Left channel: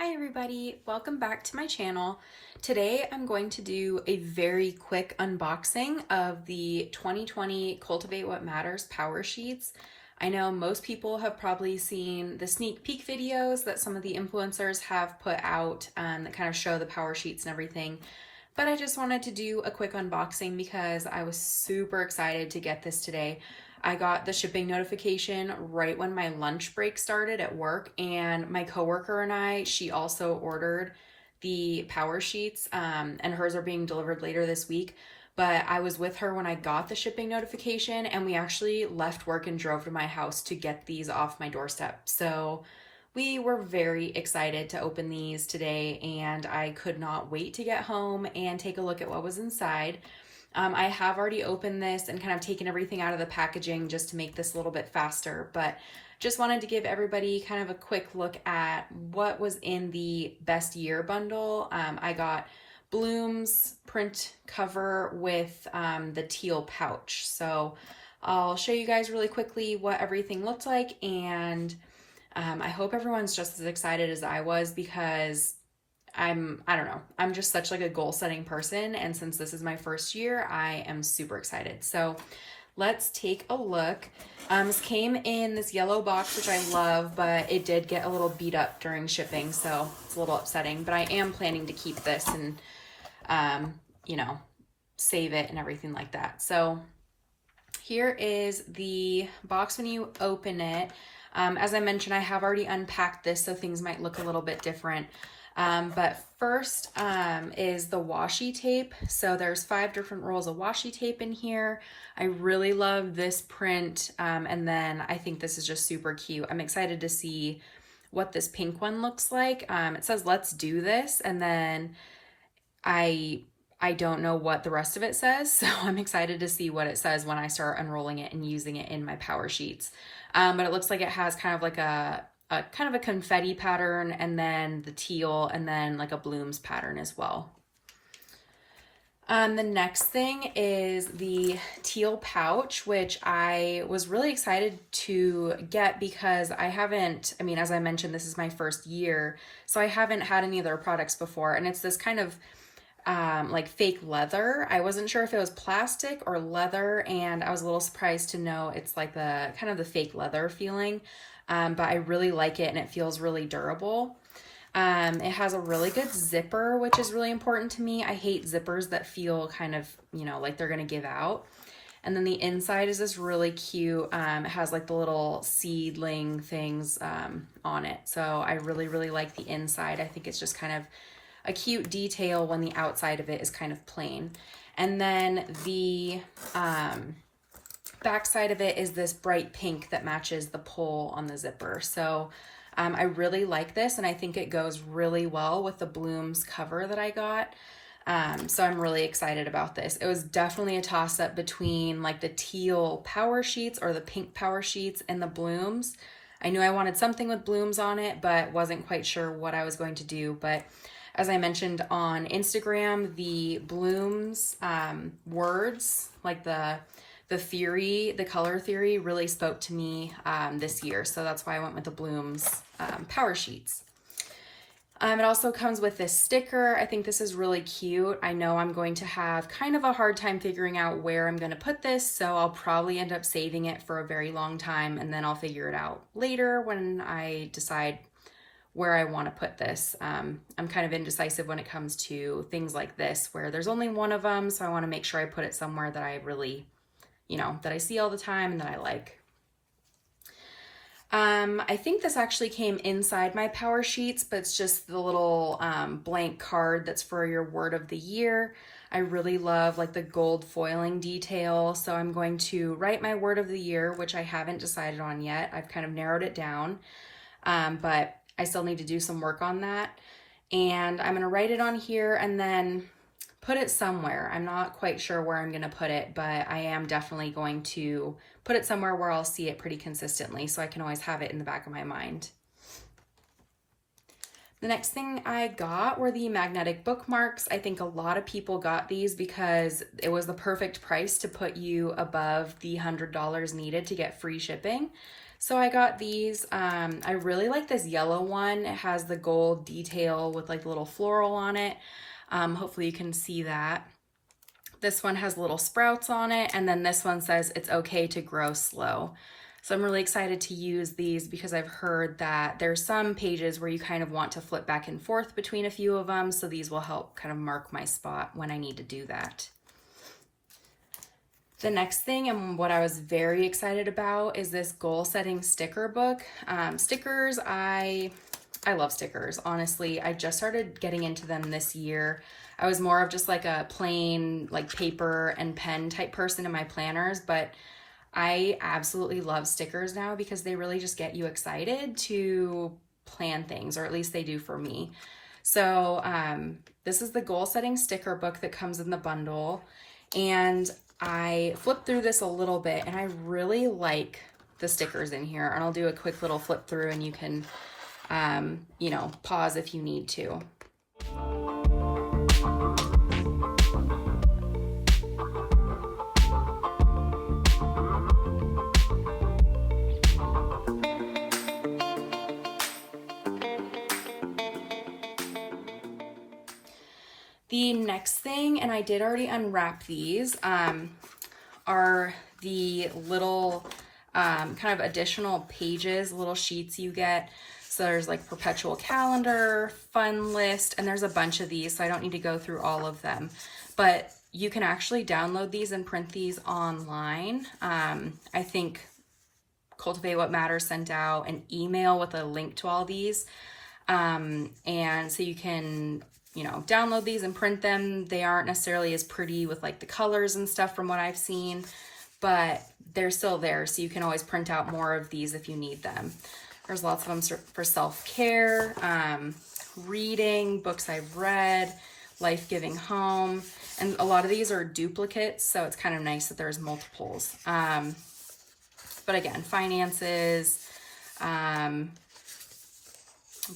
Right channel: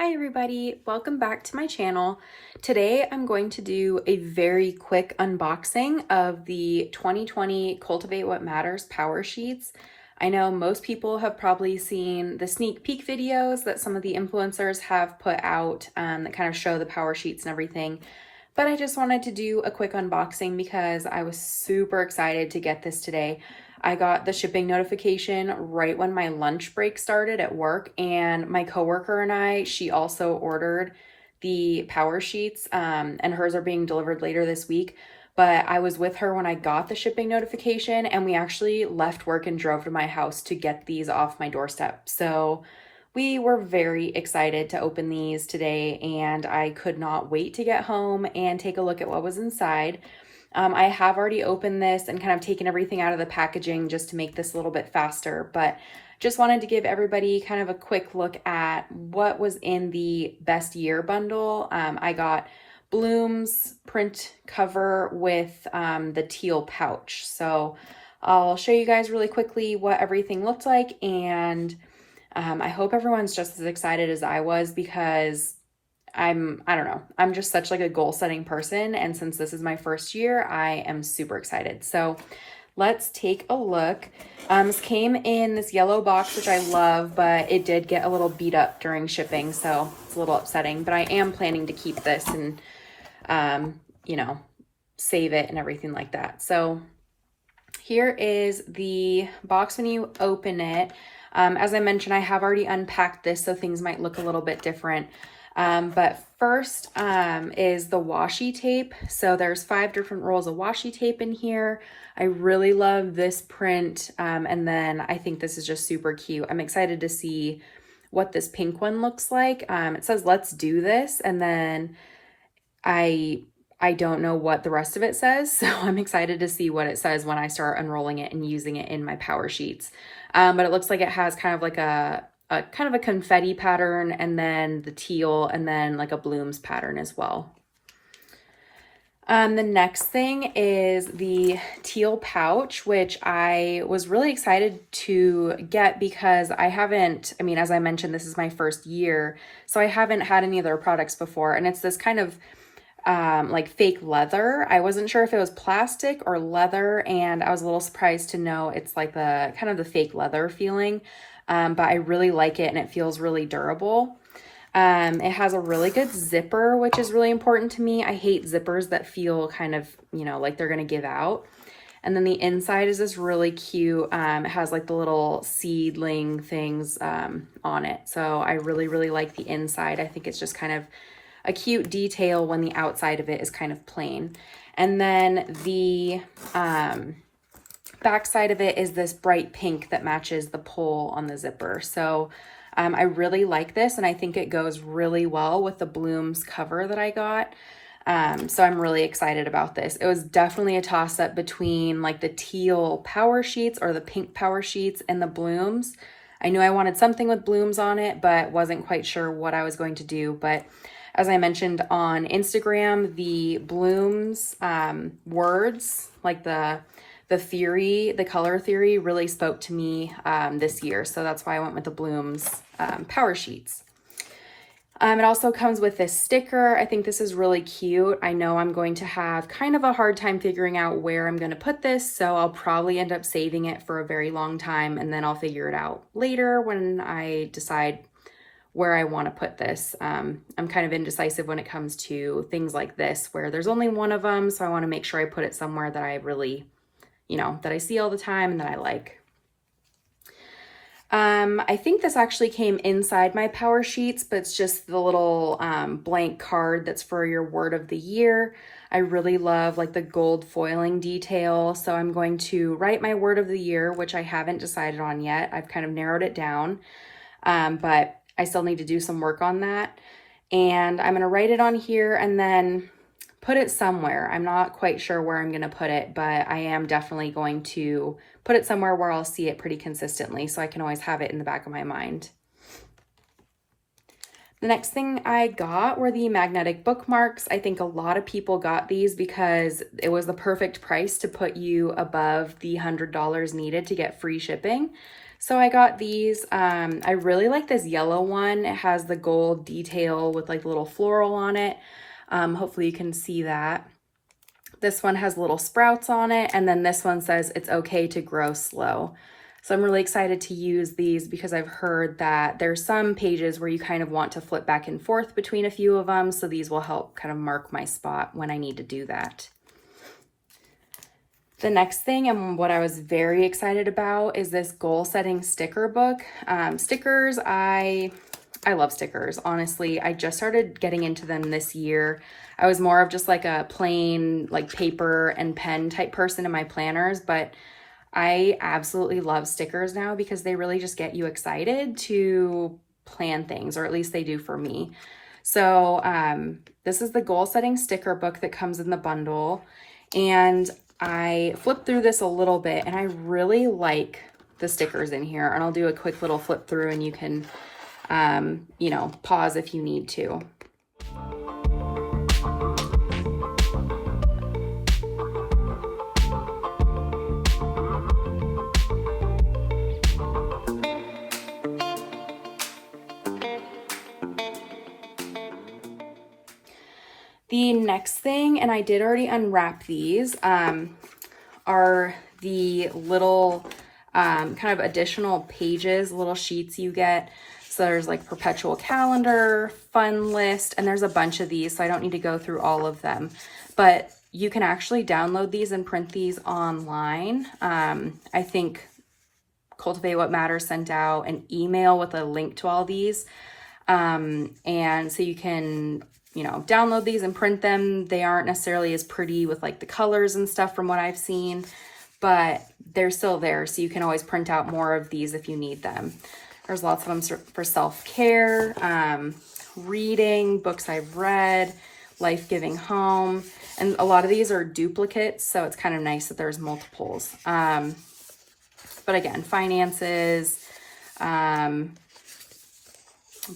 Hi everybody, welcome back to my channel. Today I'm going to do a very quick unboxing of the 2020 Cultivate What Matters Power Sheets. I know most people have probably seen the sneak peek videos that some of the influencers have put out that kind of show the power sheets and everything. But I just wanted to do a quick unboxing because I was super excited to get this today. I got the shipping notification right when my lunch break started at work, and my coworker and she also ordered the power sheets, and hers are being delivered later this week. But I was with her when I got the shipping notification, and we actually left work and drove to my house to get these off my doorstep. So we were very excited to open these today, and I could not wait to get home and take a look at what was inside. I have already opened this and kind of taken everything out of the packaging just to make this a little bit faster, but just wanted to give everybody kind of a quick look at what was in the best year bundle. I got Bloom's print cover with the teal pouch. So I'll show you guys really quickly what everything looked like, and I hope everyone's just as excited as I was because I don't know, I'm just such like a goal setting person. And since this is my first year, I am super excited. So let's take a look. This came in this yellow box, which I love, but it did get a little beat up during shipping. So it's a little upsetting, but I am planning to keep this and, save it and everything like that. So here is the box when you open it. As I mentioned, I have already unpacked this, so things might look a little bit different. But first is the washi tape. So there's 5 different rolls of washi tape in here. I really love this print. And then I think this is just super cute. I'm excited to see what this pink one looks like. It says, "Let's do this." And then I don't know what the rest of it says. So I'm excited to see what it says when I start unrolling it and using it in my power sheets. But it looks like it has kind of like a kind of a confetti pattern, and then the teal, and then like a blooms pattern as well. The next thing is the teal pouch, which I was really excited to get because as I mentioned, this is my first year, so I haven't had any of their products before, and it's this kind of like fake leather. I wasn't sure if it was plastic or leather, and I was a little surprised to know it's like the kind of the fake leather feeling. But I really like it, and it feels really durable. It has a really good zipper, which is really important to me. I hate zippers that feel kind of, like they're going to give out. And then the inside is this really cute. It has like the little seedling things on it. So I really, really like the inside. I think it's just kind of a cute detail when the outside of it is kind of plain. And then the back side of it is this bright pink that matches the pull on the zipper. So I really like this, and I think it goes really well with the Blooms cover that I got. So I'm really excited about this. It was definitely a toss-up between like the teal power sheets or the pink power sheets and the Blooms. I knew I wanted something with Blooms on it, but wasn't quite sure what I was going to do. But as I mentioned on Instagram, the Blooms words, like the theory, the color theory really spoke to me this year. So that's why I went with the Blooms power sheets. It also comes with this sticker. I think this is really cute. I know I'm going to have kind of a hard time figuring out where I'm going to put this, so I'll probably end up saving it for a very long time, and then I'll figure it out later when I decide where I want to put this. I'm kind of indecisive when it comes to things like this, where there's only one of them, so I want to make sure I put it somewhere that I really that I see all the time and that I like. I think this actually came inside my power sheets, but it's just the little blank card that's for your word of the year. I really love like the gold foiling detail. So I'm going to write my word of the year, which I haven't decided on yet. I've kind of narrowed it down, but I still need to do some work on that. And I'm going to write it on here and then put it somewhere. I'm not quite sure where I'm going to put it, but I am definitely going to put it somewhere where I'll see it pretty consistently, so I can always have it in the back of my mind. The next thing I got were the magnetic bookmarks. I think a lot of people got these because it was the perfect price to put you above the $100 needed to get free shipping. So I got these. I really like this yellow one. It has the gold detail with like little floral on it. Hopefully you can see that. This one has little sprouts on it, and then this one says it's okay to grow slow. So I'm really excited to use these because I've heard that there's some pages where you kind of want to flip back and forth between a few of them. So these will help kind of mark my spot when I need to do that. The next thing, and what I was very excited about, is this goal setting sticker book. Stickers, I love stickers, honestly. I just started getting into them this year. I was more of just like a plain like paper and pen type person in my planners, but I absolutely love stickers now because they really just get you excited to plan things, or at least they do for me. So this is the goal setting sticker book that comes in the bundle, and I flipped through this a little bit and I really like the stickers in here, and I'll do a quick little flip through and you can you know, pause if you need to. The next thing, and I did already unwrap these, are the little kind of additional pages, little sheets you get. So there's like perpetual calendar, fun list, and there's a bunch of these, so I don't need to go through all of them. But you can actually download these and print these online. I think Cultivate What Matters sent out an email with a link to all these. And so you can, you know, download these and print them. They aren't necessarily as pretty with like the colors and stuff from what I've seen, but they're still there. So you can always print out more of these if you need them. There's lots of them for self-care, reading, books I've read, life-giving home. And a lot of these are duplicates, so it's kind of nice that there's multiples. But again, finances,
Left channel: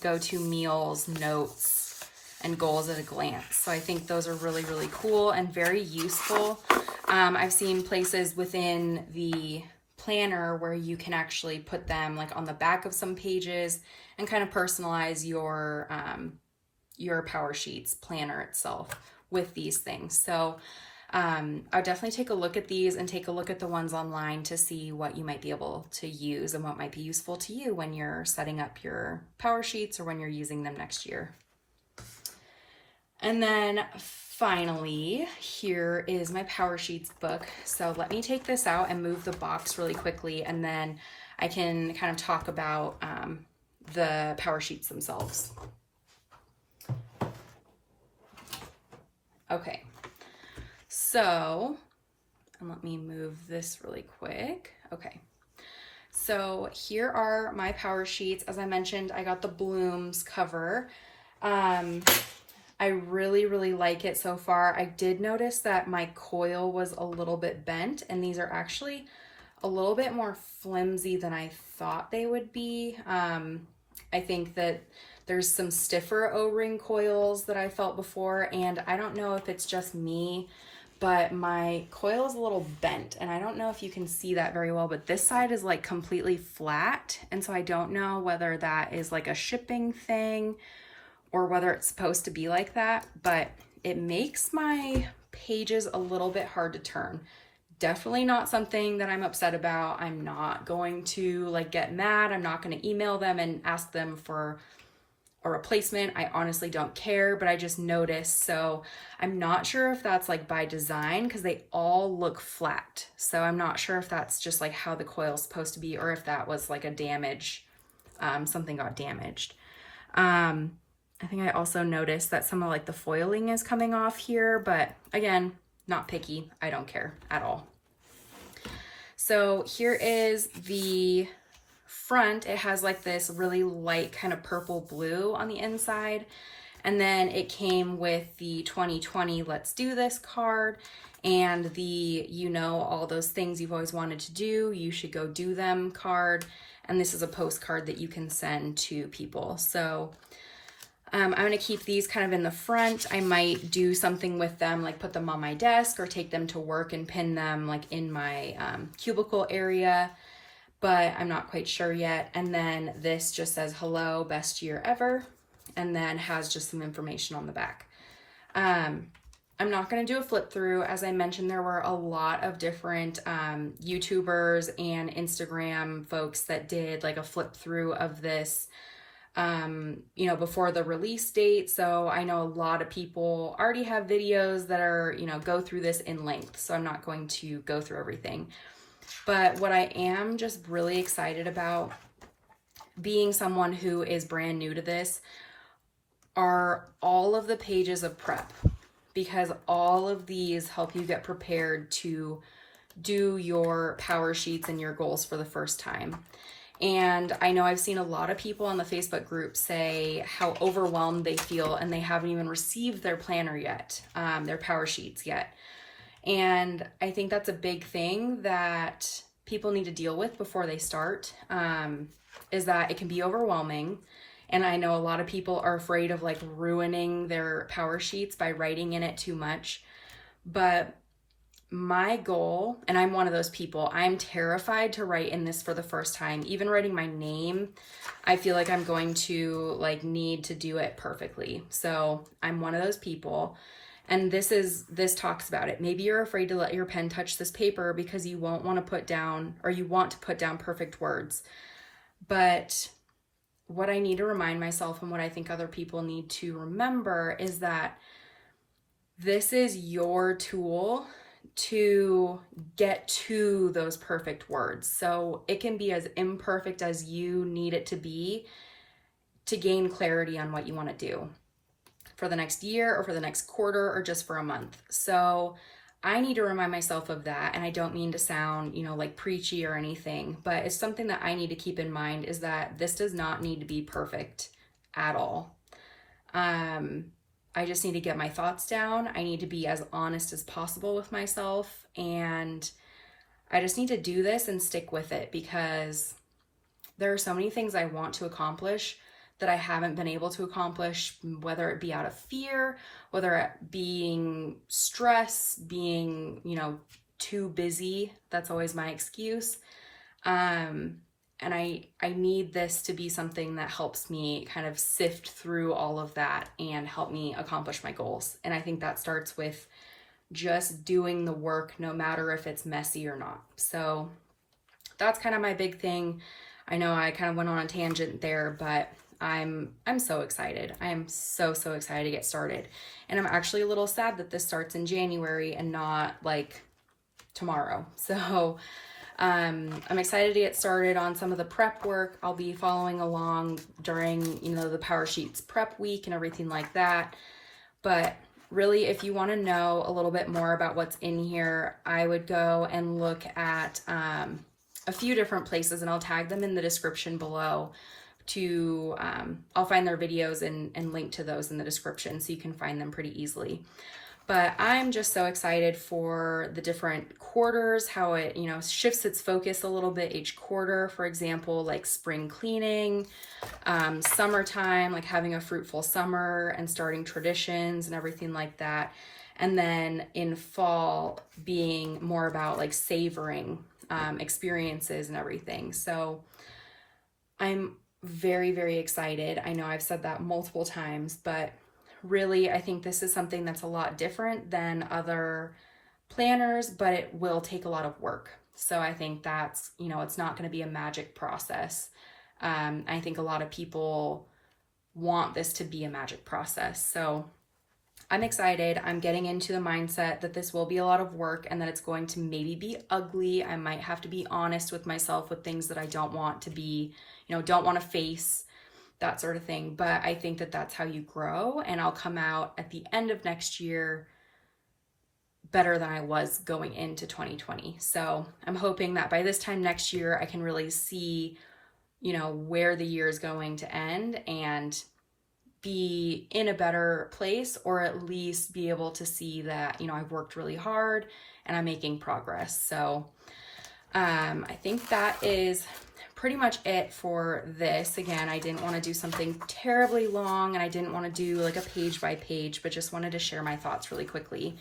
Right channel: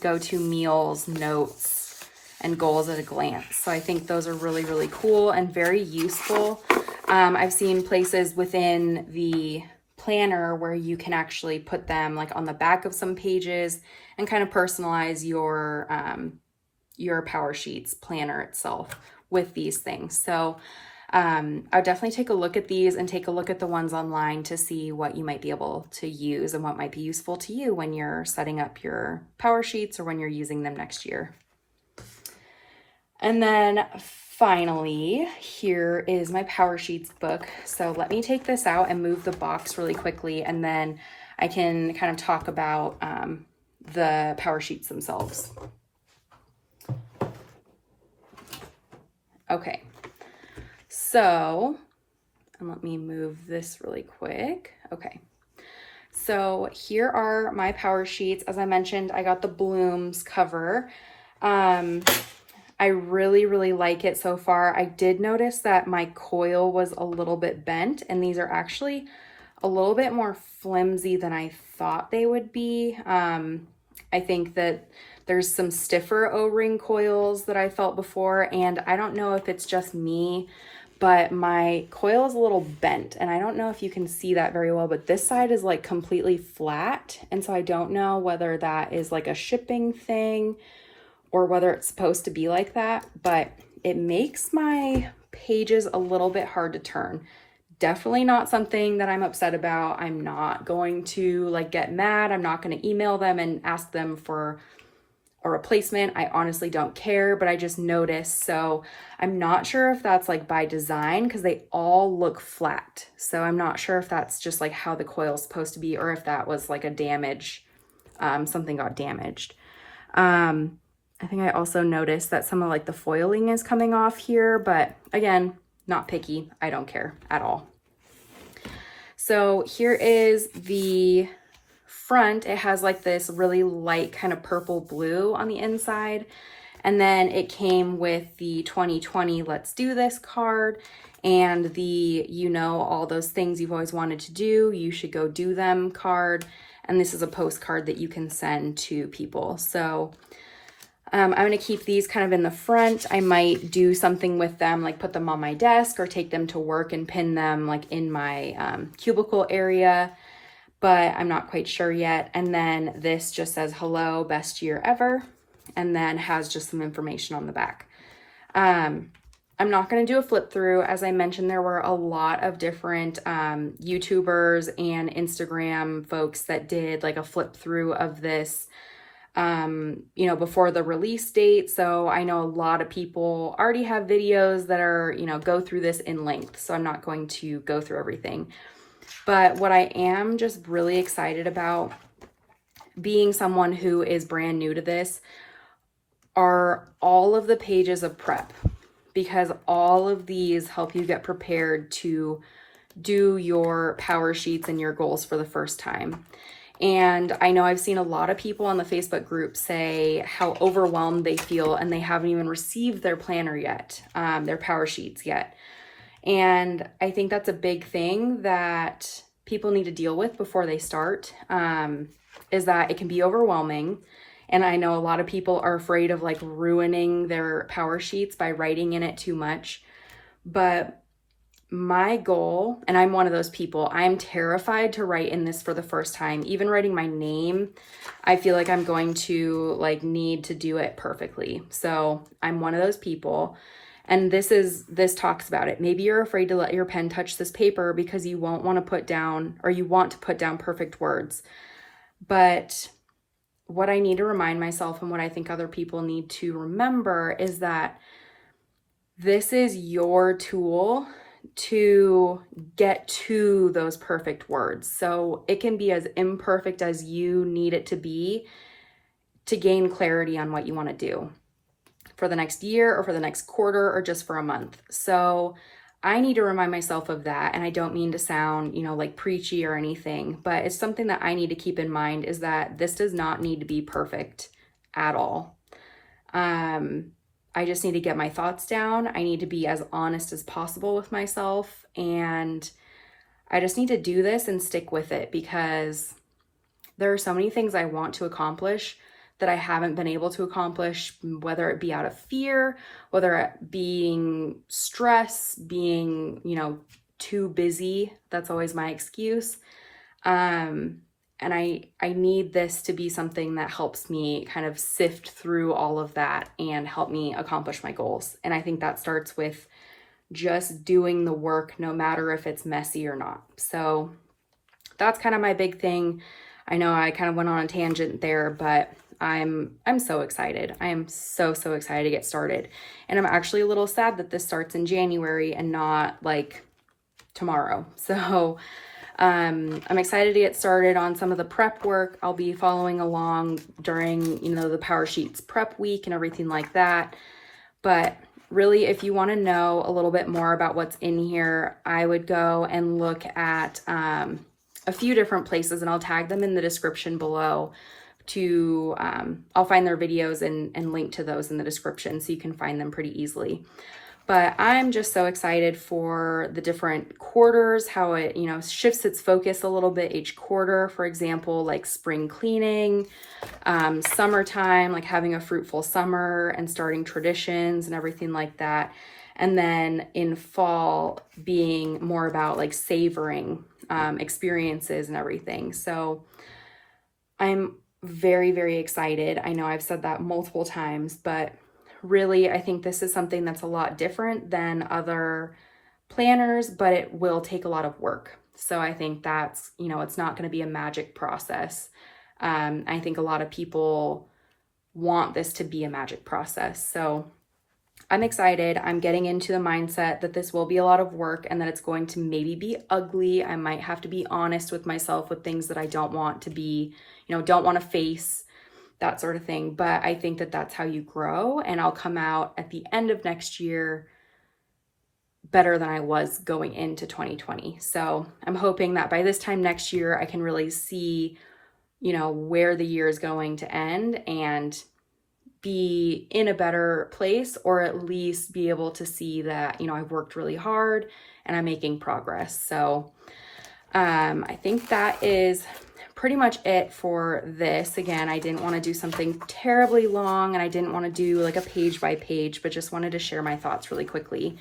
go-to meals, notes, and goals at a glance. So I think those are really, really cool and very useful. I've seen places within the planner where you can actually put them like on the back of some pages and kind of personalize your Powersheets planner itself with these things. So I'll definitely take a look at these and take a look at the ones online to see what you might be able to use and what might be useful to you when you're setting up your Powersheets or when you're using them next year. And then finally, here is my Powersheets book. So let me take this out and move the box really quickly, and then I can kind of talk about the Powersheets themselves. Okay, so, and let me move this really quick. Okay, so here are my Powersheets. As I mentioned, I got the Blooms cover. I really, really like it so far. I did notice that my coil was a little bit bent, and these are actually a little bit more flimsy than I thought they would be. I think that there's some stiffer O-ring coils that I felt before, and I don't know if it's just me, but my coil is a little bent, and I don't know if you can see that very well, but this side is like completely flat, and so I don't know whether that is like a shipping thing or whether it's supposed to be like that, but it makes my pages a little bit hard to turn. Definitely not something that I'm upset about. I'm not going to like get mad. I'm not going to email them and ask them for a replacement. I honestly don't care, but I just noticed. So I'm not sure if that's like by design because they all look flat. So I'm not sure if that's just like how the coil is supposed to be or if that was like a damage, something got damaged. I think I also noticed that some of like the foiling is coming off here, but again, not picky. I don't care at all. So here is the front. It has like this really light kind of purple blue on the inside. And then it came with the 2020 Let's Do This card and the, you know, all those things you've always wanted to do, you should go do them card. And this is a postcard that you can send to people. So I'm going to keep these kind of in the front. I might do something with them, like put them on my desk or take them to work and pin them like in my cubicle area. but I'm not quite sure yet. And then this just says, hello, best year ever, and then has just some information on the back. I'm not going to do a flip through. As I mentioned, there were a lot of different YouTubers and Instagram folks that did like a flip through of this, you know, before the release date. So I know a lot of people already have videos that are, you know, go through this in length. So I'm not going to go through everything. But what I am just really excited about, being someone who is brand new to this, are all of the pages of prep, because all of these help you get prepared to do your power sheets and your goals for the first time. And I know I've seen a lot of people on the Facebook group say how overwhelmed they feel and they haven't even received their planner yet, their power sheets yet. And I think that's a big thing that people need to deal with before they start, is that it can be overwhelming. And I know a lot of people are afraid of like ruining their power sheets by writing in it too much. But my goal, and I'm one of those people, I'm terrified to write in this for the first time. Even writing my name, I feel like I'm going to like need to do it perfectly. So I'm one of those people. And this talks about it. Maybe you're afraid to let your pen touch this paper because you won't want to put down, or you want to put down perfect words. But what I need to remind myself, and what I think other people need to remember, is that this is your tool to get to those perfect words. So it can be as imperfect as you need it to be to gain clarity on what you want to do for the next year or for the next quarter or just for a month. So I need to remind myself of that. And I don't mean to sound, you know, like preachy or anything, but it's something that I need to keep in mind, is that this does not need to be perfect at all. I just need to get my thoughts down. I need to be as honest as possible with myself. And I just need to do this and stick with it, because there are so many things I want to accomplish that I haven't been able to accomplish, whether it be out of fear, whether it being stress, being, you know, too busy. That's always my excuse. And I need this to be something that helps me kind of sift through all of that and help me accomplish my goals. And I think that starts with just doing the work, no matter if it's messy or not. So that's kind of my big thing. I know I kind of went on a tangent there, but I'm so excited. I am so excited to get started. And I'm actually a little sad that this starts in January and not like tomorrow. So I'm excited to get started on some of the prep work. I'll be following along during, you know, the Power Sheets prep week and everything like that. But really, if you want to know a little bit more about what's in here, I would go and look at a few different places, and I'll tag them in the description below. I'll find their videos and link to those in the description so you can find them pretty easily. But I'm just so excited for the different quarters, how it, you know, shifts its focus a little bit each quarter. For example, like spring cleaning, summertime, like having a fruitful summer and starting traditions and everything like that. And then in fall being more about like savoring experiences and everything. So I'm very excited. I know I've said that multiple times, but really, I think this is something that's a lot different than other planners, but it will take a lot of work. So I think that's, you know, it's not going to be a magic process. I think a lot of people want this to be a magic process. So I'm excited. I'm getting into the mindset that this will be a lot of work and that it's going to maybe be ugly. I might have to be honest with myself with things that I don't want to be, you know, don't want to face, that sort of thing. But I think that that's how you grow, and I'll come out at the end of next year better than I was going into 2020. So I'm hoping that by this time next year, I can really see, you know, where the year is going to end and be in a better place, or at least be able to see that, you know, I've worked really hard and I'm making progress. So I think that is pretty much it for this. Again, I didn't want to do something terribly long, and I didn't want to do like a page by page, but just wanted to share my thoughts really quickly.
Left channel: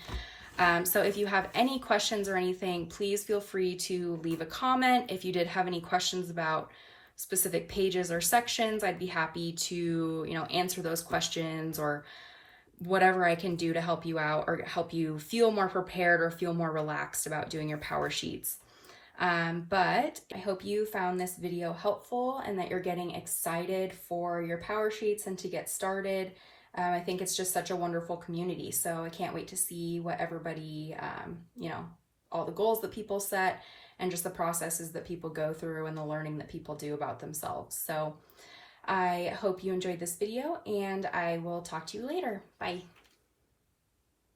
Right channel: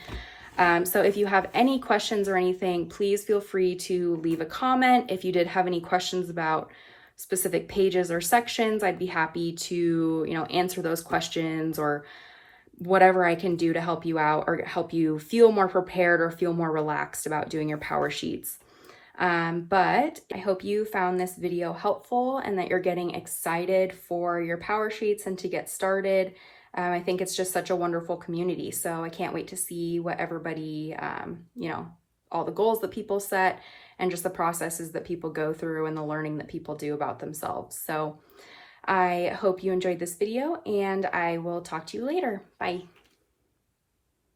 So if you have any questions or anything, please feel free to leave a comment. If you did have any questions about specific pages or sections, I'd be happy to, answer those questions or whatever I can do to help you out or help you feel more prepared or feel more relaxed about doing your power sheets. But I hope you found this video helpful and that you're getting excited for your power sheets and to get started. I think it's just such a wonderful community. So I can't wait to see what everybody, all the goals that people set and just the processes that people go through and the learning that people do about themselves. So I hope you enjoyed this video and I will talk to you later. Bye.